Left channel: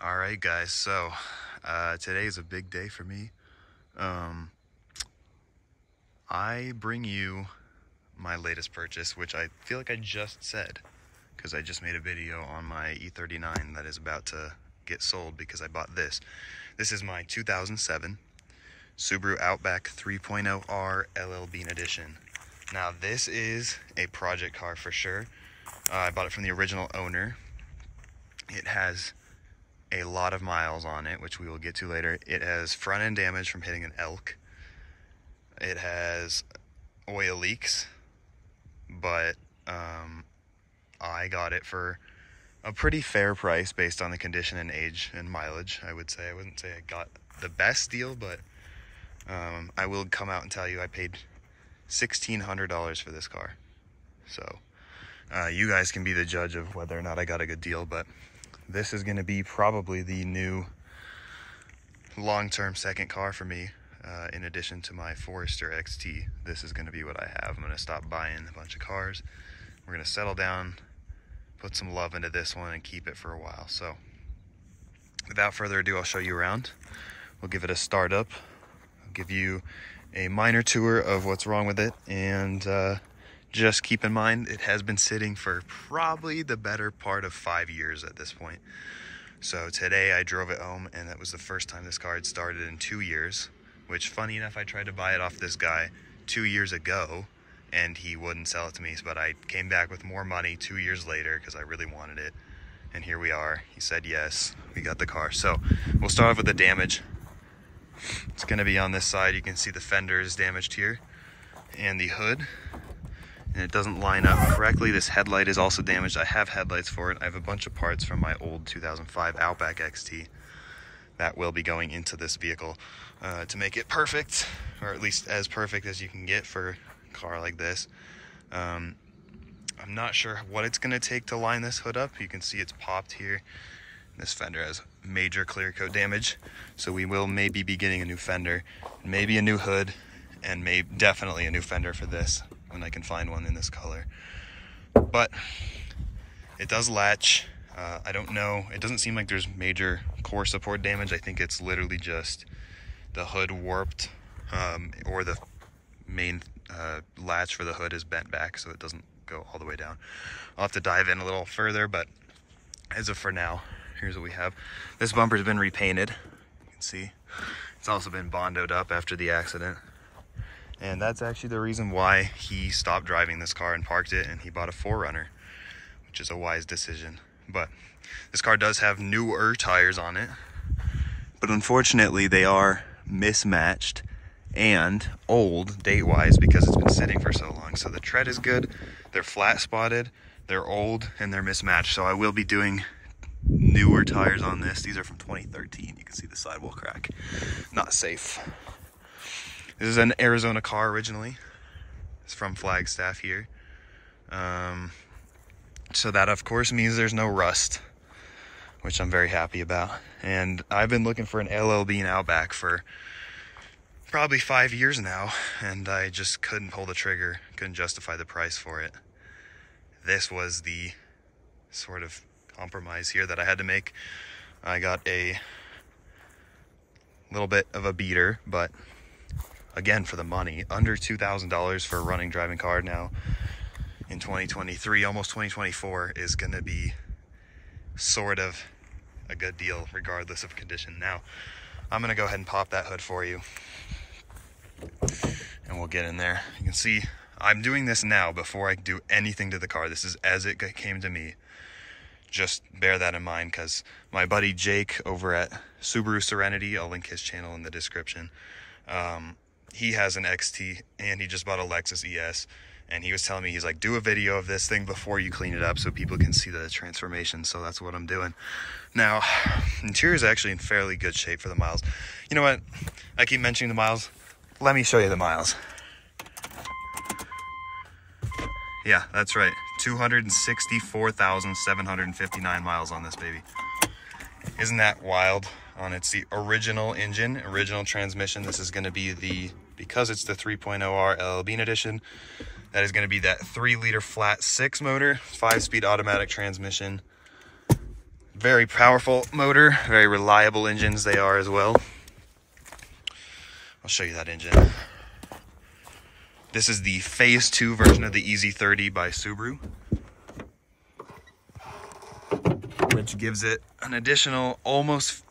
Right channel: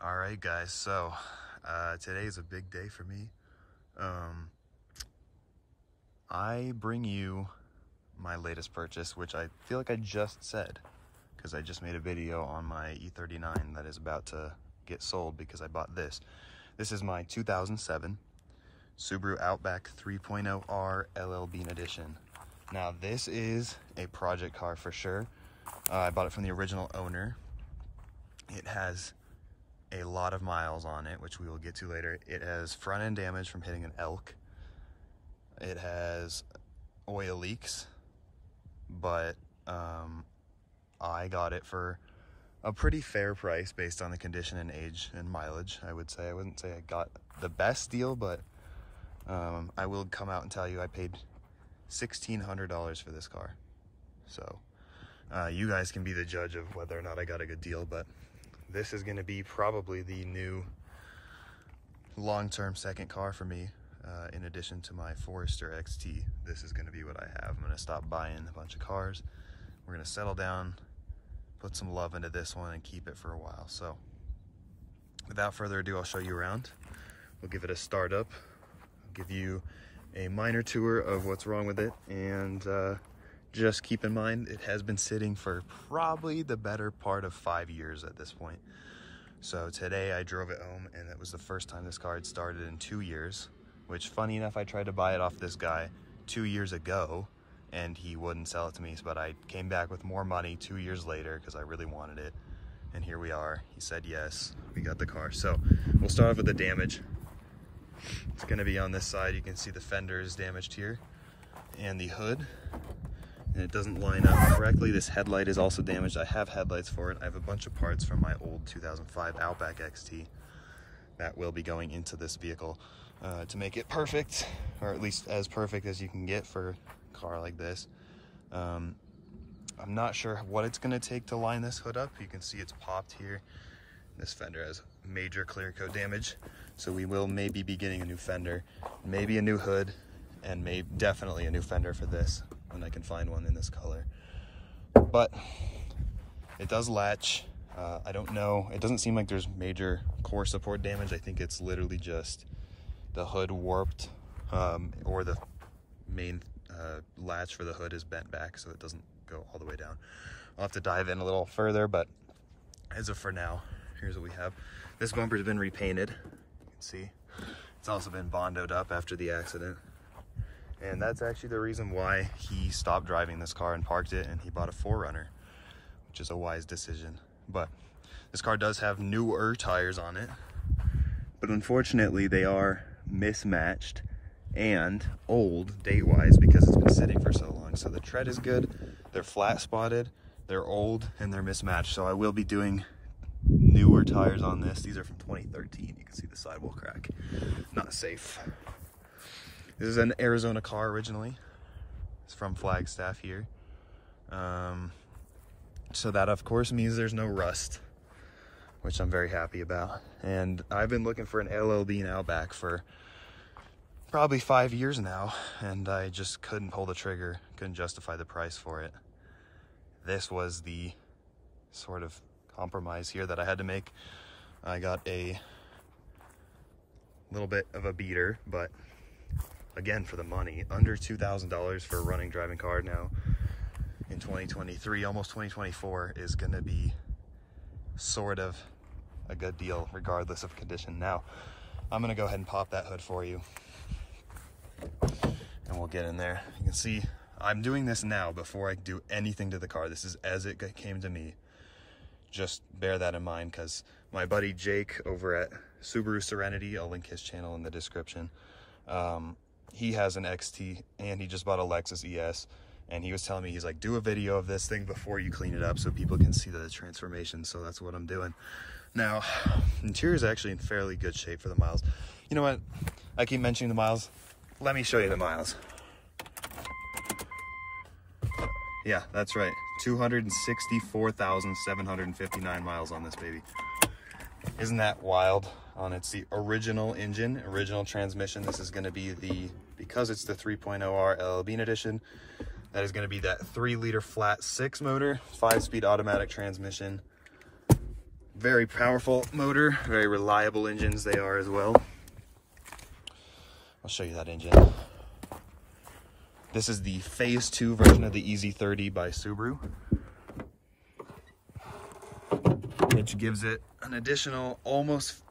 All right, guys, so today is a big day for me. I bring you my latest purchase, which I feel like I just said because I just made a video on my E39 that is about to get sold because I bought this. This is my 2007 Subaru Outback 3.0R L.L.Bean Edition. Now, this is a project car for sure. I bought it from the original owner. It has a lot of miles on it, which we will get to later. It has front end damage from hitting an elk. It has oil leaks, but I got it for a pretty fair price based on the condition and age and mileage. I would say I wouldn't say I got the best deal, but I will come out and tell you I paid $1,600 for this car. So you guys can be the judge of whether or not I got a good deal, but this is going to be probably the new long-term second car for me. In addition to my Forester XT, this is going to be what I have. I'm going to stop buying a bunch of cars. We're going to settle down, put some love into this one, and keep it for a while. So without further ado, I'll show you around. We'll give it a start up. I'll give you a minor tour of what's wrong with it, and just keep in mind it has been sitting for probably the better part of 5 years at this point. So today I drove it home, and that was the first time this car had started in 2 years, which, funny enough, I tried to buy it off this guy 2 years ago and he wouldn't sell it to me, but I came back with more money 2 years later because I really wanted it, and here we are. He said yes, we got the car. So we'll start off with the damage. It's going to be on this side. You can see the fender is damaged here and the hood, and it doesn't line up correctly. This headlight is also damaged. I have headlights for it. I have a bunch of parts from my old 2005 Outback XT that will be going into this vehicle to make it perfect, or at least as perfect as you can get for a car like this. I'm not sure what it's going to take to line this hood up. You can see it's popped here. This fender has major clear coat damage, so we will maybe be getting a new fender, maybe a new hood, and definitely a new fender for this when I can find one in this color. But it does latch. I don't know, it doesn't seem like there's major core support damage. I think it's literally just the hood warped, or the main latch for the hood is bent back so it doesn't go all the way down. I'll have to dive in a little further, but as of for now, here's what we have. This bumper's been repainted. You can see it's also been bondoed up after the accident, and that's actually the reason why he stopped driving this car and parked it, and he bought a 4Runner, which is a wise decision. But this car does have newer tires on it, but unfortunately they are mismatched and old date-wise because it's been sitting for so long. So the tread is good, they're flat spotted, they're old, and they're mismatched. So I will be doing newer tires on this. These are from 2013. You can see the sidewall crack. Not safe. This is an Arizona car originally. It's from Flagstaff here. So that of course means there's no rust, which I'm very happy about. And I've been looking for an L.L.Bean Outback for probably 5 years now, and I just couldn't pull the trigger, couldn't justify the price for it. This was the sort of compromise here that I had to make. I got a little bit of a beater, but again, for the money, under $2,000 for a running driving car now in 2023, almost 2024, is going to be sort of a good deal regardless of condition. Now I'm going to go ahead and pop that hood for you, and we'll get in there. You can see I'm doing this now before I do anything to the car. This is as it came to me. Just bear that in mind, because my buddy Jake over at Subaru Serenity, I'll link his channel in the description, he has an XT and he just bought a Lexus ES, and he was telling me, he's like, do a video of this thing before you clean it up so people can see the transformation. So that's what I'm doing. Now, interior is actually in fairly good shape for the miles. You know what? I keep mentioning the miles. Let me show you the miles. Yeah, that's right. 264,759 miles on this baby. Isn't that wild? It's the original engine, original transmission. This is going to be because it's the 3.0R L.L.Bean Edition, that is going to be that 3-liter flat 6 motor, 5-speed automatic transmission. Very powerful motor, very reliable engines they are as well. I'll show you that engine. This is the Phase 2 version of the EZ30 by Subaru, which gives it an additional almost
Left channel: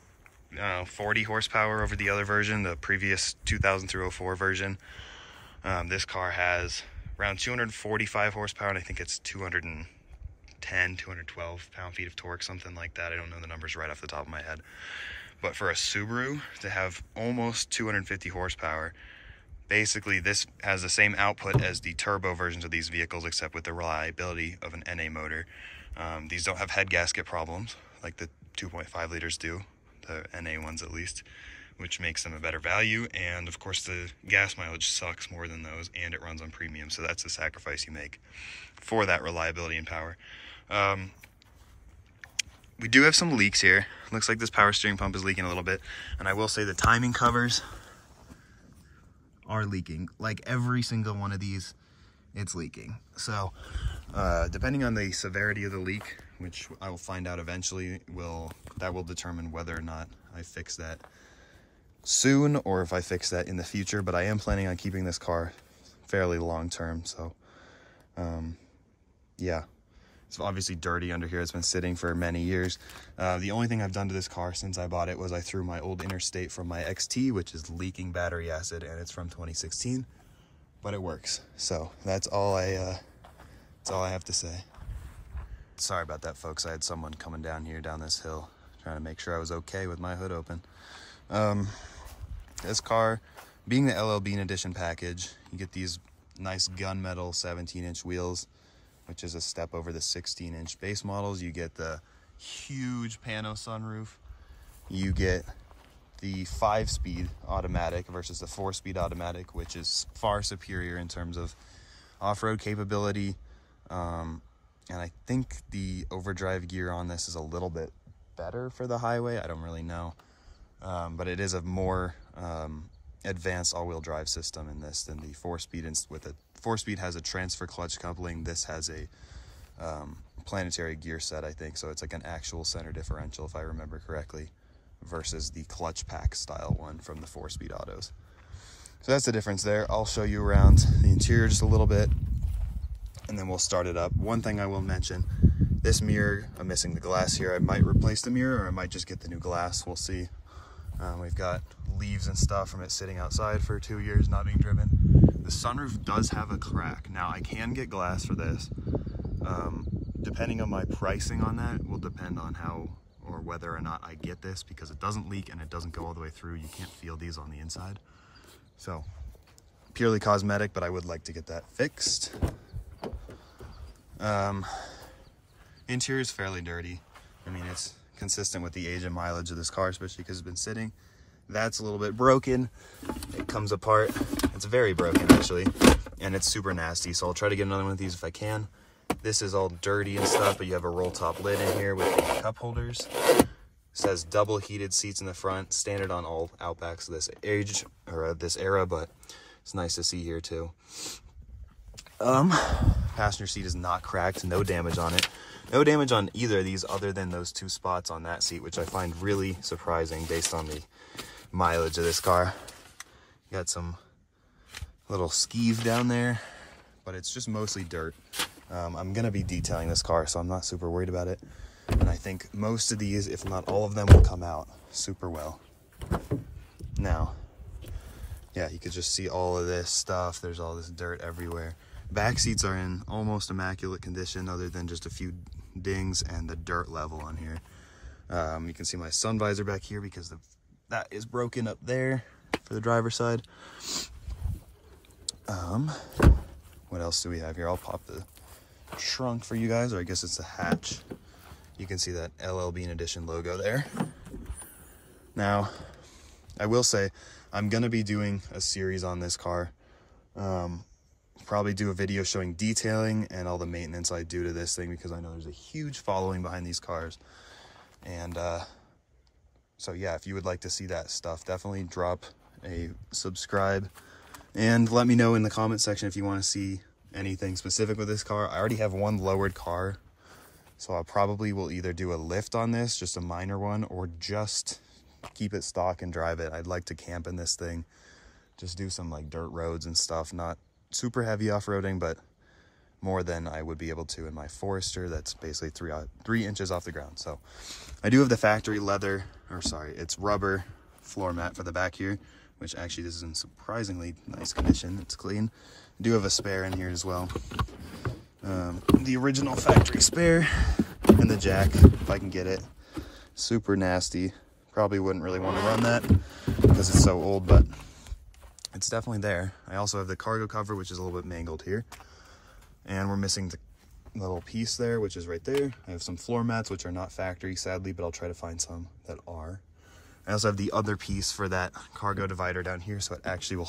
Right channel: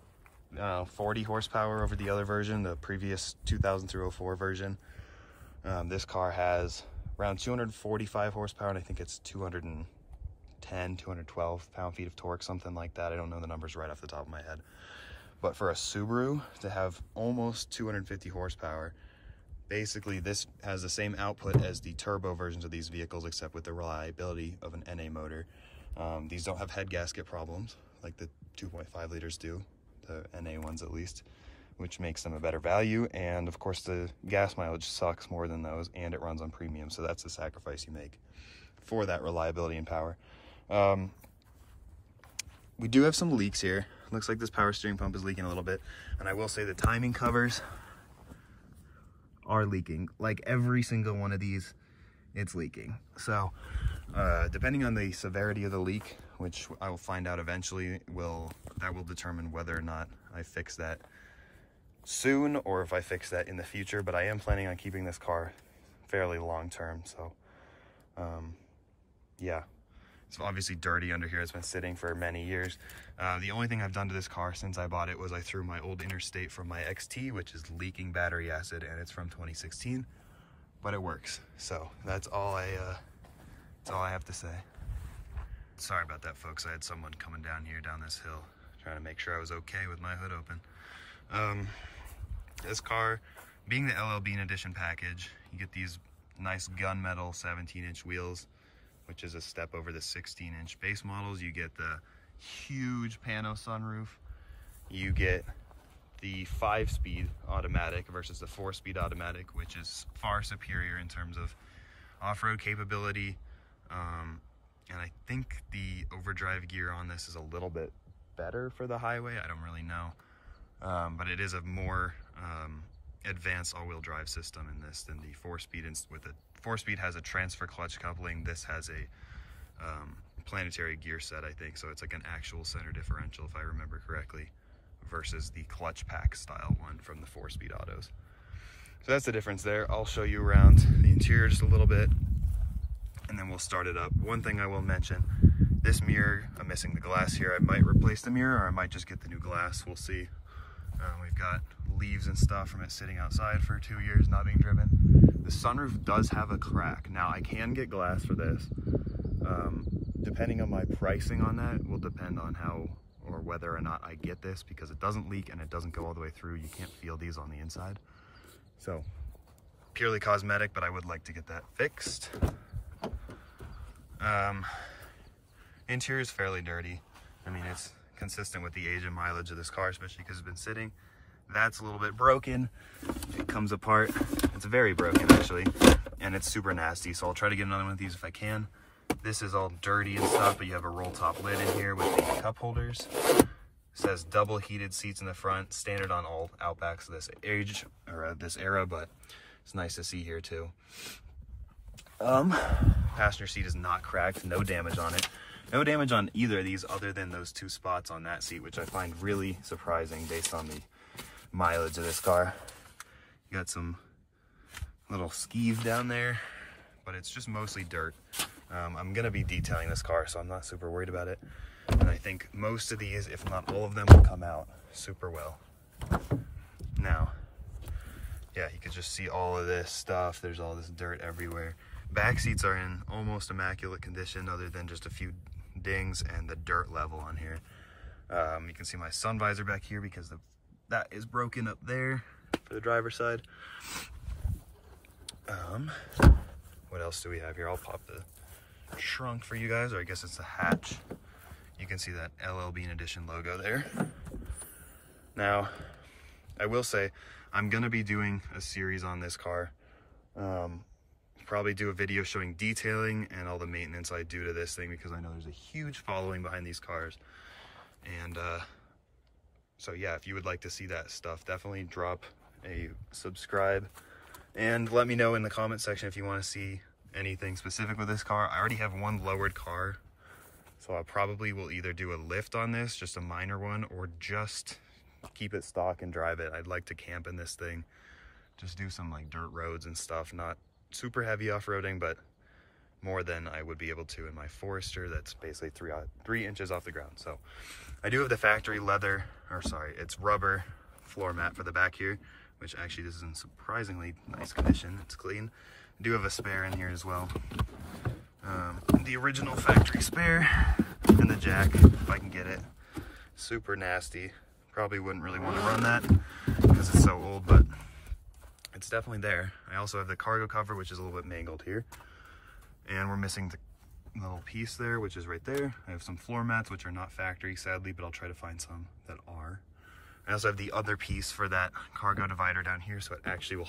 40 horsepower over the other version, the previous 2000 through 04 version. This car has around 245 horsepower, and I think it's 212 pound-feet of torque, something like that. I don't know the numbers right off the top of my head. But for a Subaru to have almost 250 horsepower, basically this has the same output as the turbo versions of these vehicles, except with the reliability of an NA motor. These don't have head gasket problems like the 2.5 liters do, the NA ones at least, which makes them a better value. And of course the gas mileage sucks more than those, and it runs on premium, so that's the sacrifice you make for that reliability and power. We do have some leaks here. Looks like this power steering pump is leaking a little bit, and I will say the timing covers are leaking. Like every single one of these, it's leaking. So depending on the severity of the leak, which I will find out eventually, that will determine whether or not I fix that soon or if I fix that in the future. But I am planning on keeping this car fairly long term, so yeah. It's obviously dirty under here. It's been sitting for many years. The only thing I've done to this car since I bought it was I threw my old Interstate from my XT, which is leaking battery acid, and it's from 2016, but it works. So that's all I have to say. Sorry about that, folks. I had someone coming down this hill, trying to make sure I was okay with my hood open. This car, being the L.L.Bean Edition package, you get these nice gunmetal 17-inch wheels, which is a step over the 16-inch base models. You get the huge pano sunroof. You get the 5-speed automatic versus the 4-speed automatic, which is far superior in terms of off-road capability. And I think the overdrive gear on this is a little bit better for the highway. I don't really know. But it is a more advanced all-wheel drive system in this than the 4-speed. With a 4-speed has a transfer clutch coupling. This has a planetary gear set, I think, so it's like an actual center differential, if I remember correctly, versus the clutch pack style one from the 4-speed autos. So that's the difference there. I'll show you around the interior just a little bit, and then we'll start it up. One thing I will mention, this mirror, I'm missing the glass here. I might replace the mirror, or I might just get the new glass. We'll see. We've got leaves and stuff from it sitting outside for 2 years not being driven. The sunroof does have a crack. Now I can get glass for this. Depending on my pricing on that will depend on how or whether or not I get this, because it doesn't leak and it doesn't go all the way through. You can't feel these on the inside. So purely cosmetic, but I would like to get that fixed. Interior is fairly dirty. I mean, it's consistent with the age and mileage of this car, especially because it's been sitting. That's a little bit broken. It comes apart. It's very broken, actually, and it's super nasty, so I'll try to get another one of these if I can. This is all dirty and stuff, but you have a roll top lid in here with the cup holders. It says double heated seats in the front, standard on all Outbacks of this age, or this era, but it's nice to see here too. Passenger seat is not cracked, no damage on it. No damage on either of these other than those 2 spots on that seat, which I find really surprising based on the mileage of this car. Got some little skis down there, but it's just mostly dirt. I'm gonna be detailing this car, so I'm not super worried about it. And I think most of these, if not all of them, will come out super well. Now, yeah, you could just see all of this stuff. There's all this dirt everywhere. Back seats are in almost immaculate condition, other than just a few dings and the dirt level on here. You can see my sun visor back here because that is broken up there for the driver's side. What else do we have here? I'll pop the trunk for you guys, or I guess it's the hatch. You can see that L.L.Bean Edition logo there. Now, I will say, I'm gonna be doing a series on this car. Probably do a video showing detailing and all the maintenance I do to this thing, because I know there's a huge following behind these cars. And so yeah, if you would like to see that stuff, definitely drop a subscribe and let me know in the comment section if you want to see anything specific with this car. I already have one lowered car So I probably will either do a lift on this, just a minor one, or just keep it stock and drive it. I'd like to camp in this thing, just do some like dirt roads and stuff, not super heavy off-roading, but more than I would be able to in my Forester that's basically 3 inches off the ground. So I do have the factory leather, or sorry, it's rubber floor mat for the back here, which actually this is in surprisingly nice condition. It's clean. I do have a spare in here as well. The original factory spare and the jack, if I can get it. Super nasty. Probably wouldn't really want to run that because it's so old, but it's definitely there. I also have the cargo cover, which is a little bit mangled here. And we're missing the little piece there, which is right there. I have some floor mats, which are not factory, sadly, but I'll try to find some that are. I also have the other piece for that cargo divider down here, so it actually will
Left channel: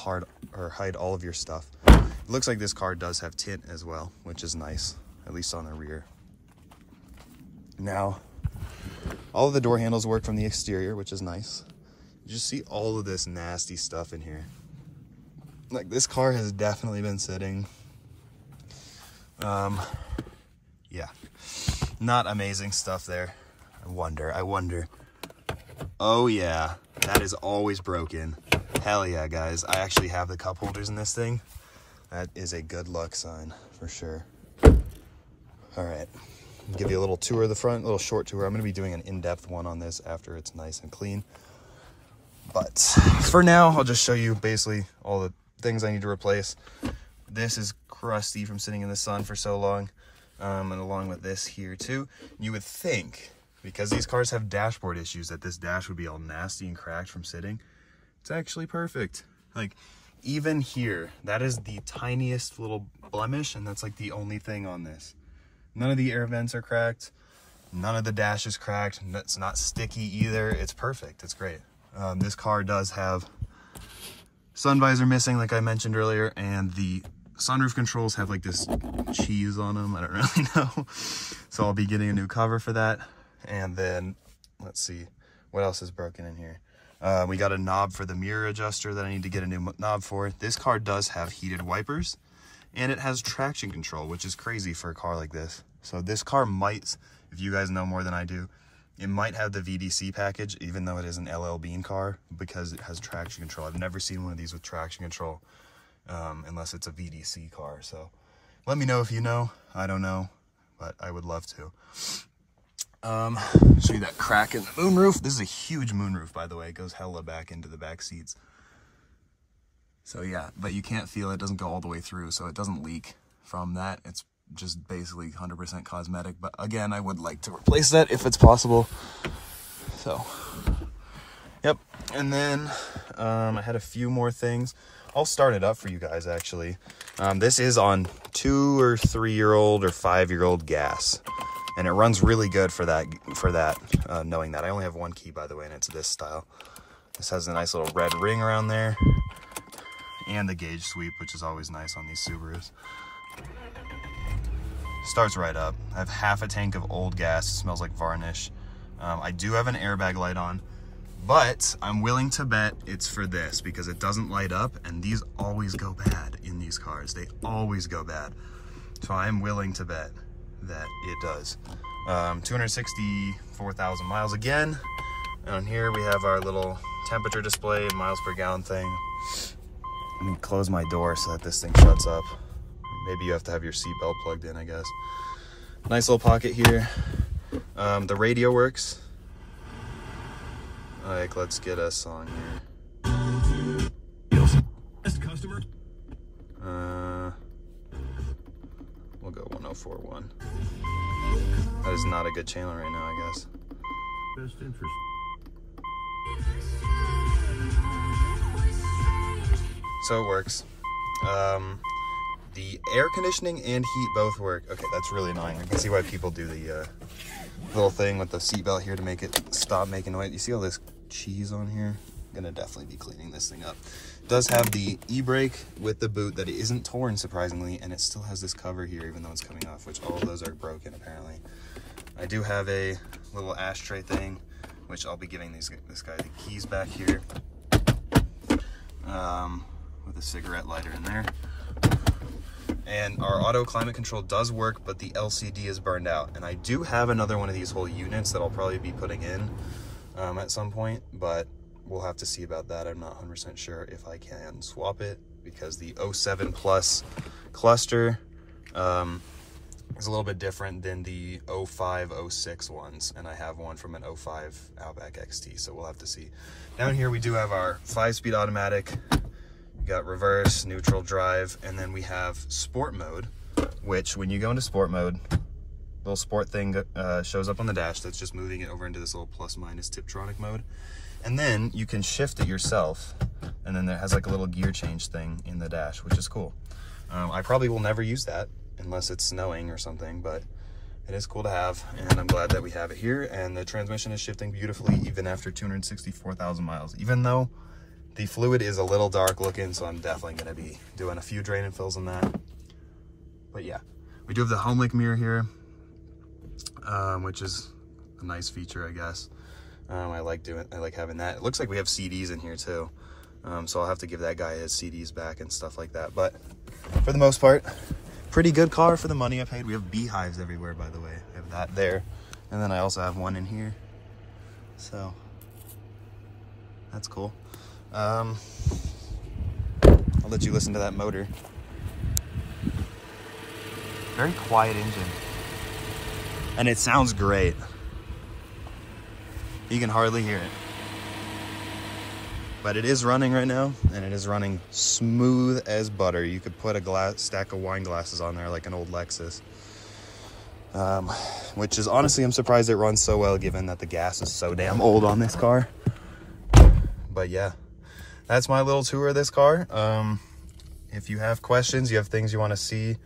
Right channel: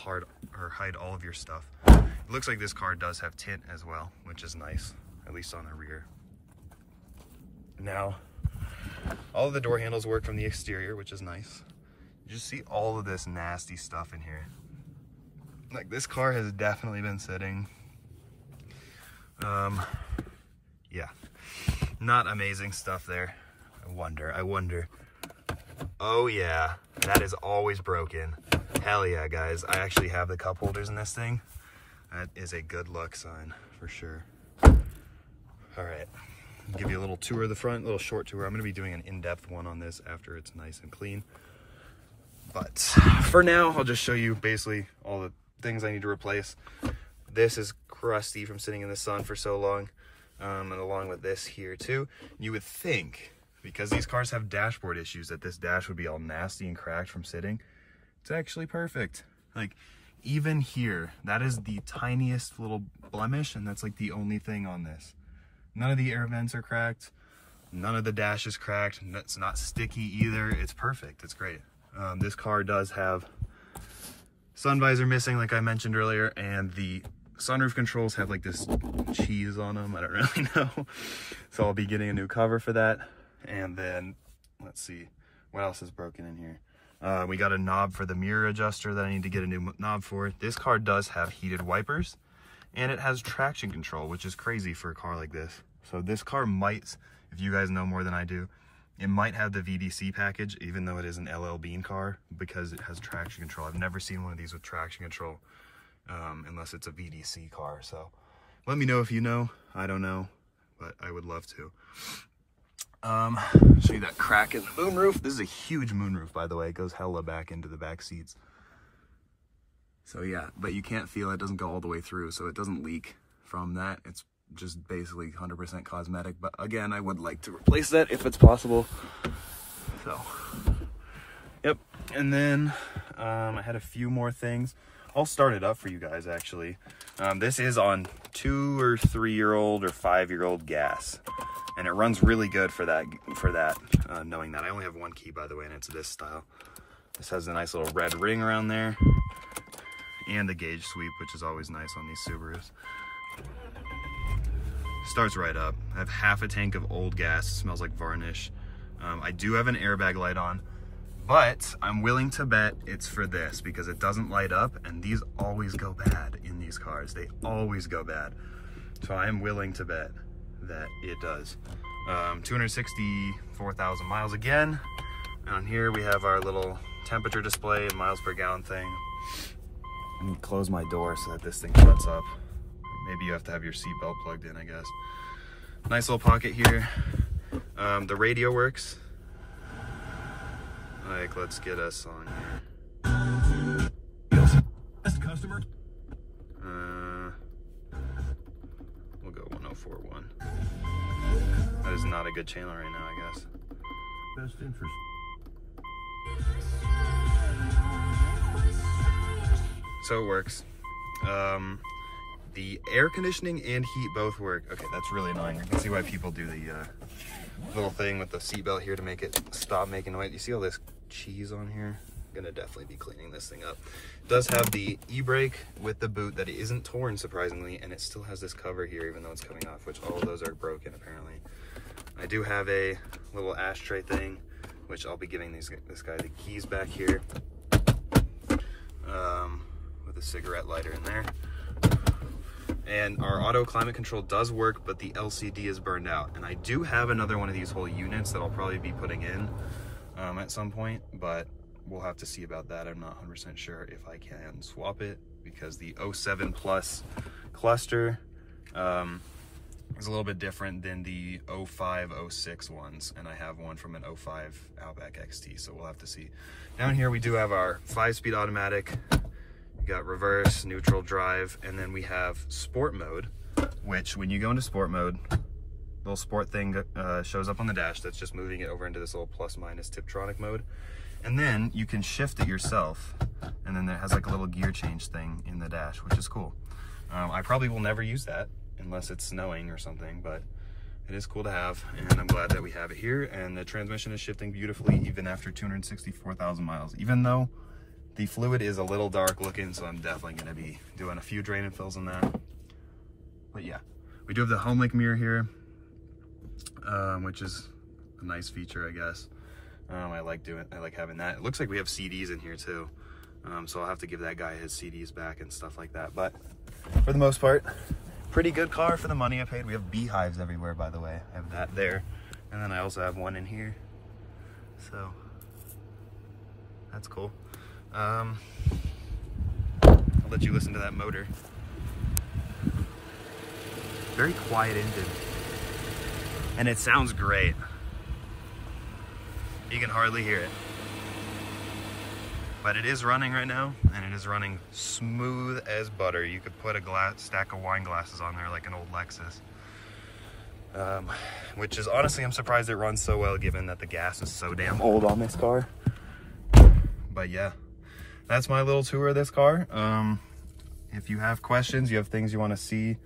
hide all of your stuff. It looks like this car does have tint as well, which is nice, at least on the rear. Now, all of the door handles work from the exterior, which is nice. You just see all of this nasty stuff in here. Like, this car has definitely been sitting. Yeah, not amazing stuff there. I wonder. Oh yeah, that is always broken. Hell yeah, guys. I actually have the cup holders in this thing. That is a good luck sign for sure. All right, I'll give you a little tour of the front, a little short tour. I'm gonna be doing an in-depth one on this after it's nice and clean. But for now, I'll just show you basically all the things I need to replace. This is crusty from sitting in the sun for so long, and along with this here too. You would think, because these cars have dashboard issues, that this dash would be all nasty and cracked from sitting. It's actually perfect. Like, even here, that is the tiniest little blemish, and that's like the only thing on this. None of the air vents are cracked, none of the dash is cracked, it's not sticky either. It's perfect, it's great. This car does have sun visor missing, like I mentioned earlier, and the sunroof controls have like this cheese on them. I don't really know. So I'll be getting a new cover for that. And then, let's see, what else is broken in here? We got a knob for the mirror adjuster that I need to get a new knob for. This car does have heated wipers, and it has traction control, which is crazy for a car like this. So this car might, if you guys know more than I do, it might have the VDC package, even though it is an L.L.Bean car, because it has traction control. I've never seen one of these with traction control. Unless it's a VDC car. So let me know if you know. I don't know, but I would love to. Show you that crack in the moonroof. This is a huge moonroof, by the way. It goes hella back into the back seats. So yeah, but you can't feel it. It doesn't go all the way through, so it doesn't leak from that. It's just basically 100% cosmetic. But again, I would like to replace that if it's possible. So, yep. And then I had a few more things. I'll start it up for you guys, actually. This is on 2 or 3-year-old or 5-year-old gas, and it runs really good for that. Knowing that I only have one key, by the way, and it's this style. This has a nice little red ring around there, and the gauge sweep, which is always nice on these Subarus. Starts right up. I have half a tank of old gas. It smells like varnish. I do have an airbag light on, but I'm willing to bet it's for this because it doesn't light up, and these always go bad in these cars. They always go bad. So I'm willing to bet that it does. 264,000 miles again. Down here we have our little temperature display, miles per gallon thing. Let me close my door so that this thing shuts up. Maybe you have to have your seatbelt plugged in, I guess. Nice little pocket here. The radio works. Like, let's get a song here. Customer. We'll go 104.1. That is not a good channel right now, I guess. Best interest. So it works. The air conditioning and heat both work. Okay, that's really annoying. You can see why people do the little thing with the seatbelt here to make it stop making noise. You see all this cheese on here? I'm gonna definitely be cleaning this thing up. It does have the e-brake with the boot that isn't torn, surprisingly, and it still has this cover here even though it's coming off, which all of those are broken apparently. I do have a little ashtray thing, which I'll be giving this guy the keys back here, with a cigarette lighter in there. And our auto climate control does work, but the LCD is burned out. And I do have another one of these whole units that I'll probably be putting in at some point, but we'll have to see about that. I'm not 100% sure if I can swap it, because the 07 Plus cluster is a little bit different than the 05, 06 ones, and I have one from an 05 Outback XT, so we'll have to see. Down here we do have our 5-speed automatic. We got reverse, neutral, drive, and then we have sport mode, which when you go into sport mode, little sport thing shows up on the dash that's just moving it over into this little plus minus Tiptronic mode. And then you can shift it yourself, and then it has like a little gear change thing in the dash, which is cool. I probably will never use that unless it's snowing or something, but it is cool to have, and I'm glad that we have it here. And the transmission is shifting beautifully even after 264,000 miles, even though the fluid is a little dark looking, so I'm definitely going to be doing a few drain and fills on that. But yeah, we do have the home link mirror here, which is a nice feature, I guess. I like having that. It looks like we have CDs in here too, so I'll have to give that guy his CDs back and stuff like that. But for the most part, pretty good car for the money I paid. We have beehives everywhere, by the way. I have that there, and then I also have one in here, so that's cool. I'll let you listen to that motor. Very quiet engine, and it sounds great. You can hardly hear it, but it is running right now, and it is running smooth as butter. You could put a stack of wine glasses on there like an old Lexus, which is honestly, I'm surprised it runs so well given that the gas is so damn old on this car. But yeah, that's my little tour of this car. If you have questions, you have things you want to see,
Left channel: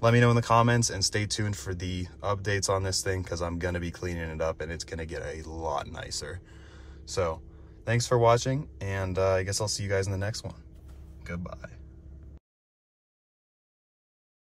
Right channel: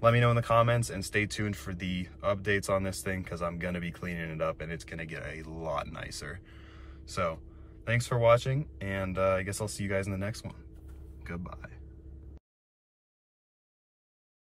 let me know in the comments, and stay tuned for the updates on this thing, because I'm going to be cleaning it up and it's going to get a lot nicer. So thanks for watching, and I guess I'll see you guys in the next one. Goodbye.